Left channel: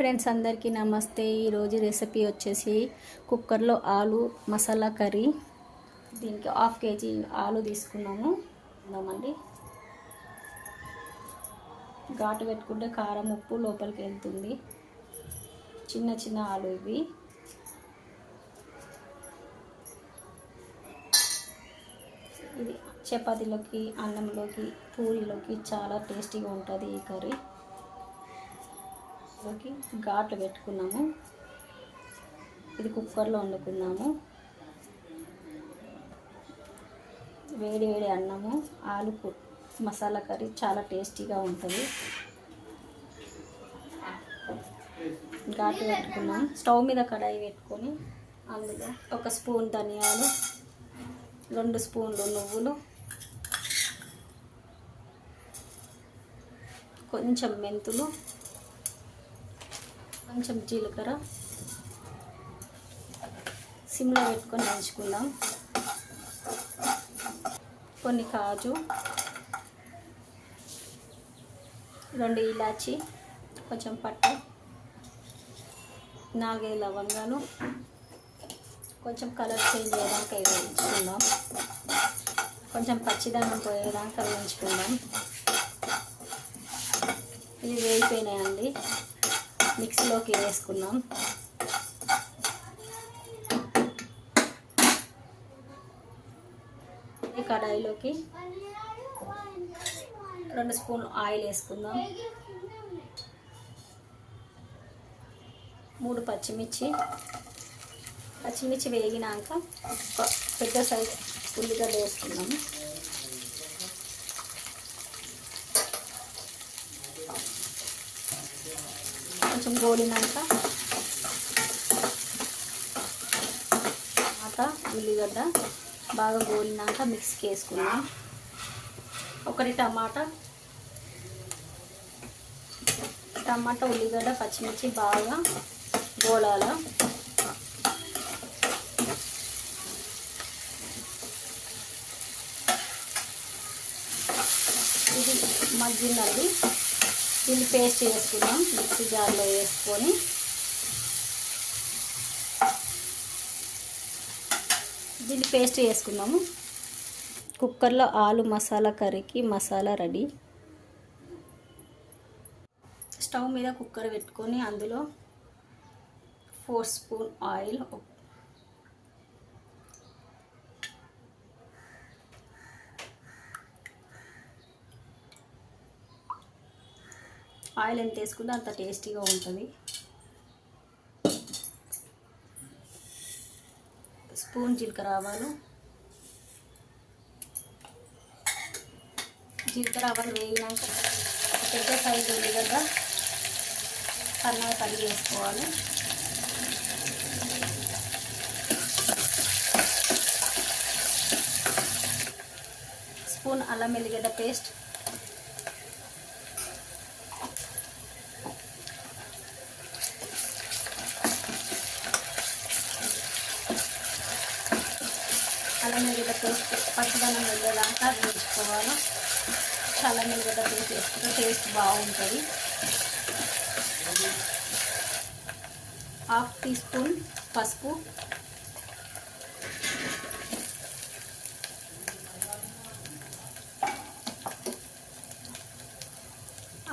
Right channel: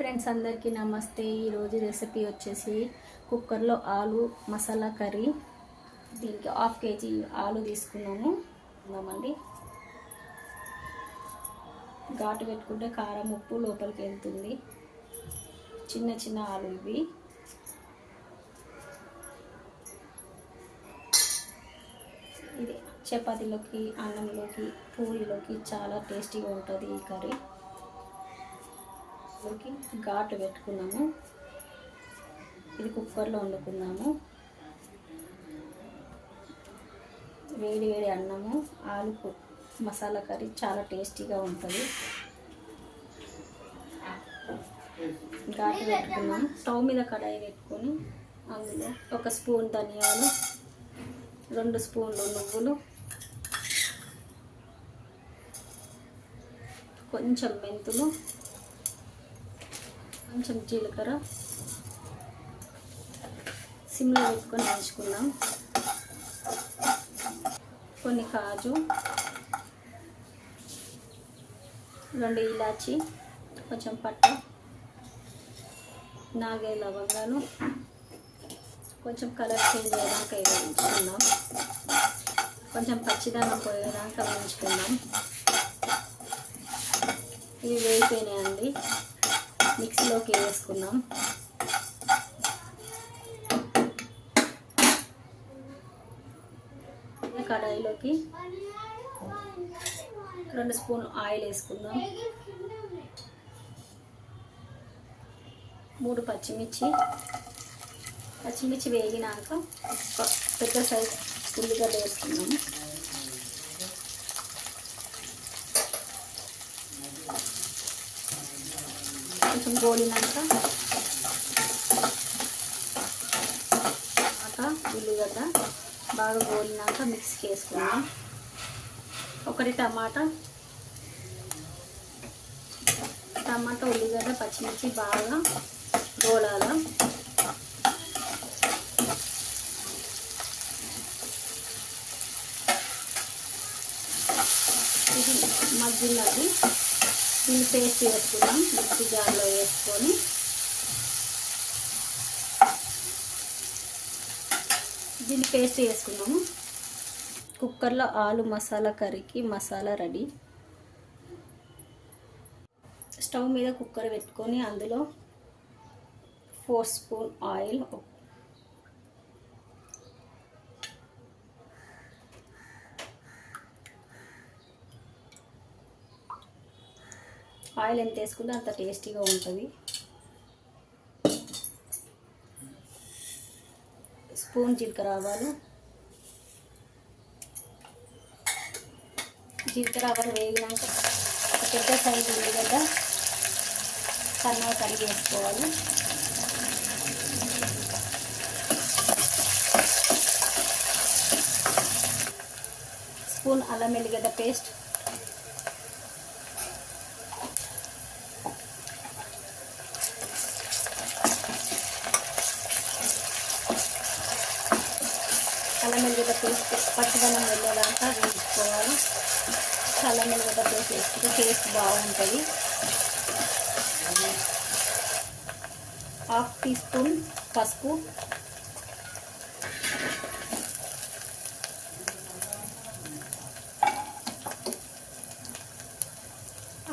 Friends అందరికీ నమస్తే. ఈరోజు రెసిపీ వచ్చేసి కుక్కర్లో ఆలు మసాలా కర్రీ. దీనికి 1/2 kg ఆలు తీసుకున్నాము అండి. ఘాటు పెట్టుకుంటే కారం ఉప్పు లోపలికి వెళ్తుంది. చిన్న చిన్న ఆలు ఇవి. ఇది చపాతీలోకి, అన్నంలోకి, పూరీలోకి చాలా టేస్టీగా ఉంటుంది ఈ కర్రీ. ఘాటు పెట్టుకున్నాము. ఇది కుక్కర్లో వండుకున్నాము. వేడి వేడి అన్నము, ఆలు మసాలా కర్రీ చాలా టేస్టీగా ఉంటుంది. ఘాటు పెట్టుకున్నాము. స్టవ్ మీద కడాయి పెట్టుకొని అందులో 1 స్పూన్ ధనియాలు, 2 స్పూన్లు నువ్వులు, కొంచెం మెంతులు, కొంచెం జీలకర్ర సిమ్లో పెట్టుకొని వేయించుకుందాం. కొన్ని కాజు, 2 ఇలాచి, కొంచెం పట్ట, 4 లవంగాలు, కొంచెం కలర్ చేంజ్ అయ్యేదాకా వేయించుకుందాం. కొంచెం పచ్చిదానం పోయేదాకా వేయించుకుందాం. ఇవి వేగిపోయినాయండి. మిక్సీలోకి వేసుకున్నాం. కడాయిలోకి 2 స్పూన్ ఆయిల్ వేసుకుందాం. 3 పచ్చిమిర్చి వేగినాక పెద్ద సైజు ఉల్లిగడ్డ వేసుకున్నాము. కొంచెం గోలినాక ఉల్లిగడ్డ బాగా గోలినాక మిక్సీకి వేసుకున్నాం. 1 టమాటా, ఉల్లిగడ్డ, పచ్చిమిర్చి బాగా గోలాల. ఇది మగ్గినది. దీన్ని పేస్ట్ వేసుకున్నాం. మిక్సీ జార్లో వేసుకొని దీన్ని పేస్ట్ వేసుకున్నాము. కుక్కర్లో ఆలు మసాలా కర్రీకి మసాలా రెడీ. స్టవ్ మీద కుక్కర్ పెట్టుకొని అందులో 4 స్పూన్ ఆయిల్, ఆయిల్ ఎంత వేసుకుంటే అంత టేస్టీగా ఉంటుంది. స్పూన్ జీలకర్ర ఆవాలు. వేగినాక పెద్ద సైజు ఉల్లిగడ్డ సన్నగా కడిగి వేసుకోవాలి. స్పూన్ అల్లం వెల్లిగడ్డ పేస్ట్, అల్లం వెల్లిగడ్డ పేస్ట్ పచ్చిదనం వెళ్ళేలాగా వేయించుకోవాలి. అల్లం వెల్లిగడ్డ పేస్ట్ వేసుకుంటే టేస్ట్ బాగుంటుంది. 1/2 టీ స్పూన్ పసుపు,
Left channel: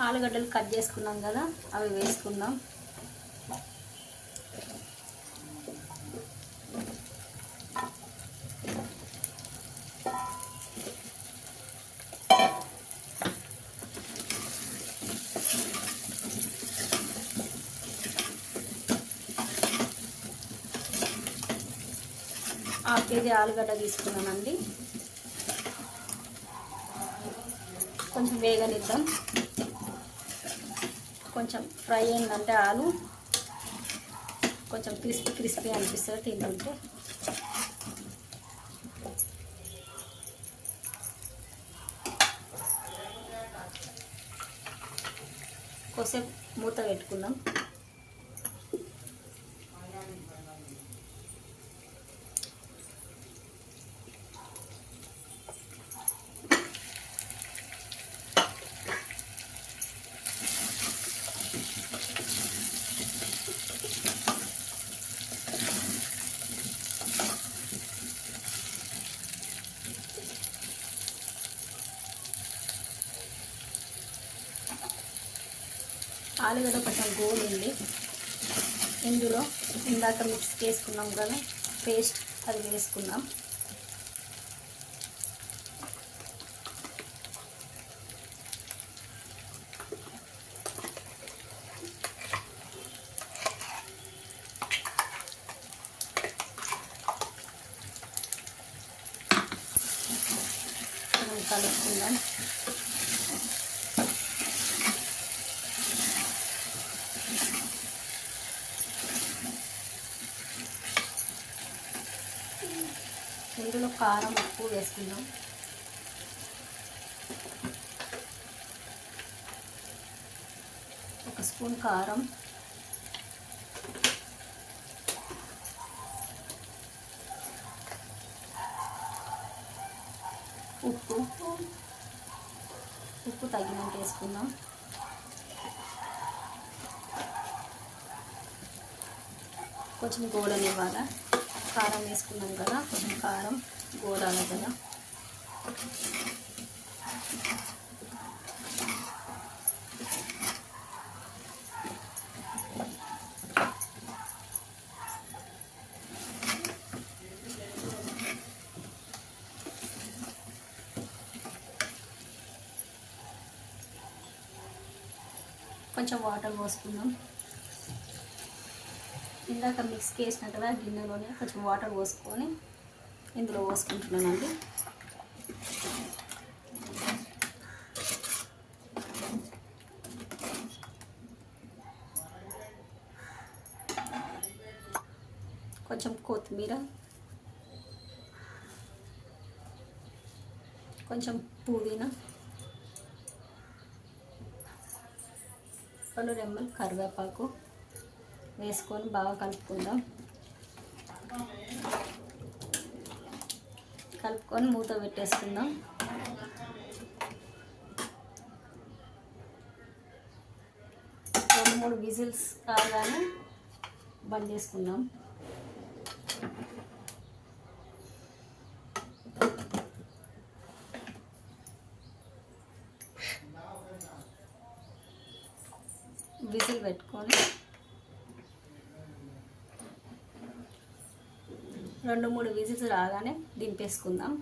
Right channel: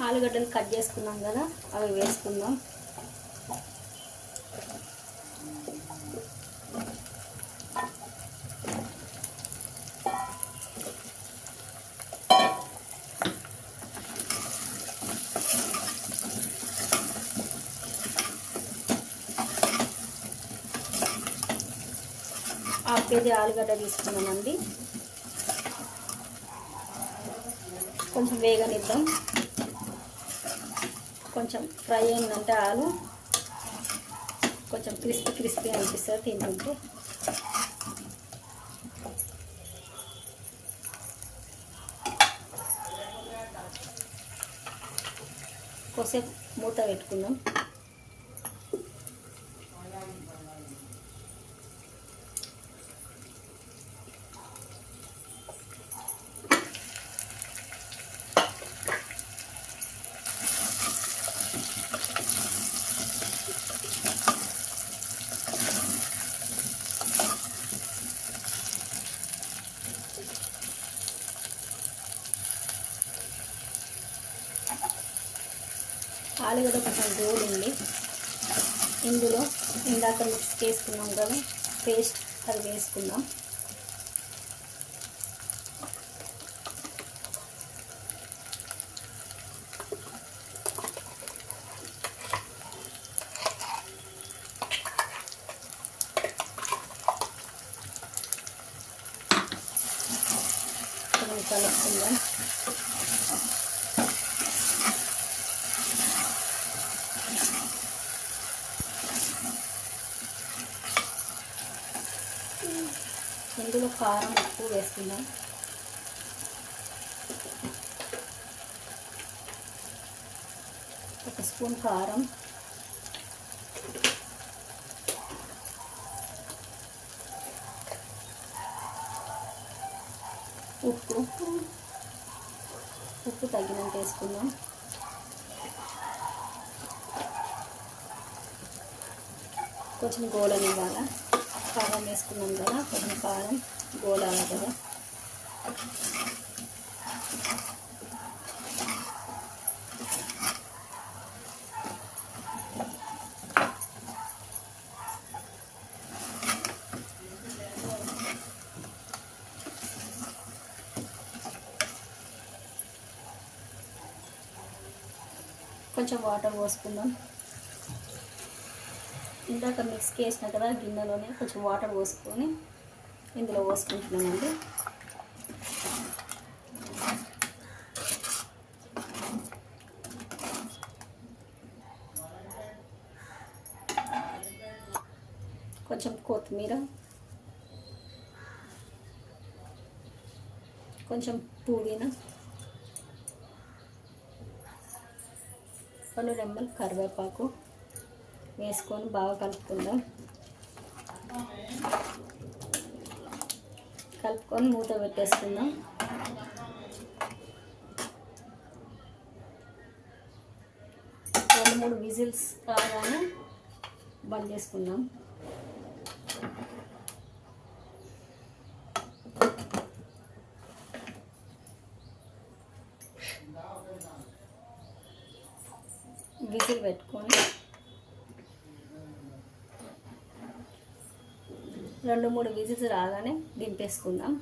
ఆలుగడ్డలు కట్ చేసుకున్నాం కదా అవి వేసుకుందాం. ½ kg ఆలుగడ్డ తీసుకున్నామండి. కొంచెం వేగనిద్దాం. కొంచెం ఫ్రై అయిందంటే ఆలు కొంచెం క్రిస్పీ అనిపిస్తుంది తింటుంటే. కొద్దిసేపు మూత పెట్టుకుందాం. ఆలుగడ్డ కొంచెం గోలింది. ఇందులో ఇందాక మిక్స్ చేసుకున్నాం కదా పేస్ట్, అది వేసుకుందాం. కలుపుకుందాం. ఇందులో కారం ఎక్కువ వేసుకుందాం. ఒక స్పూన్ కారం, ఉప్పు తగినంత వేసుకుందాం. కొంచెం గోడని ఇవ్వాలా, కారం వేసుకున్నాం కదా, కొంచెం కారం గోడాలి కదా. కొంచెం వాటర్ పోసుకుందాం. ఇందాక మిక్స్ చేసిన కదా గిన్నెలోనే కొంచెం వాటర్ పోసుకొని ఇందులో పోసుకుంటున్నామండి. కొంచెం కొత్తిమీర, కొంచెం పుదీనా, 2 రెమ్మలు కరివేపాకు వేసుకొని బాగా కలుపుకుందాం. కలుపుకొని మూత పెట్టేసుకుందాం. రెండు 3 విజిల్స్ కాగానే బంద్ చేసుకుందాం. విజిల్ పెట్టుకొని 2-3 విజిల్స్ రాగానే దింపేసుకుందాం.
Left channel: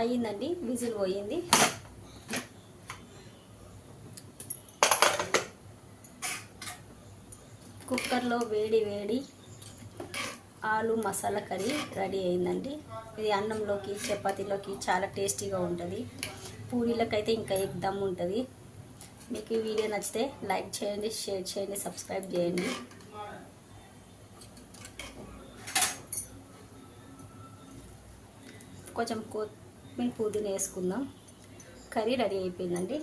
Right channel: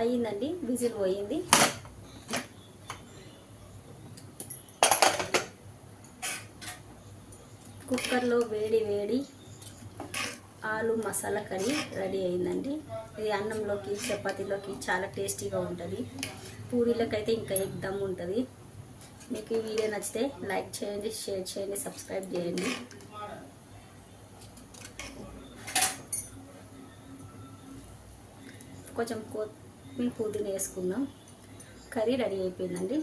అయ్యిందండి, విజిల్ పోయింది. కుక్కర్లో వేడి ఆలు మసాలా కర్రీ రెడీ అయిందండి. ఇది అన్నంలోకి చపాతీలోకి చాలా టేస్టీగా ఉంటుంది. పూరీలకైతే ఇంకా ఎగ్దమ్ ఉంటుంది. మీకు ఈ వీడియో నచ్చితే లైక్ చేయండి, షేర్ చేయండి, సబ్స్క్రైబ్ చేయండి. కొంచెం కొత్తిమీర పుదీనా వేసుకుందాం. కర్రీ రెడీ అయిపోయిందండి.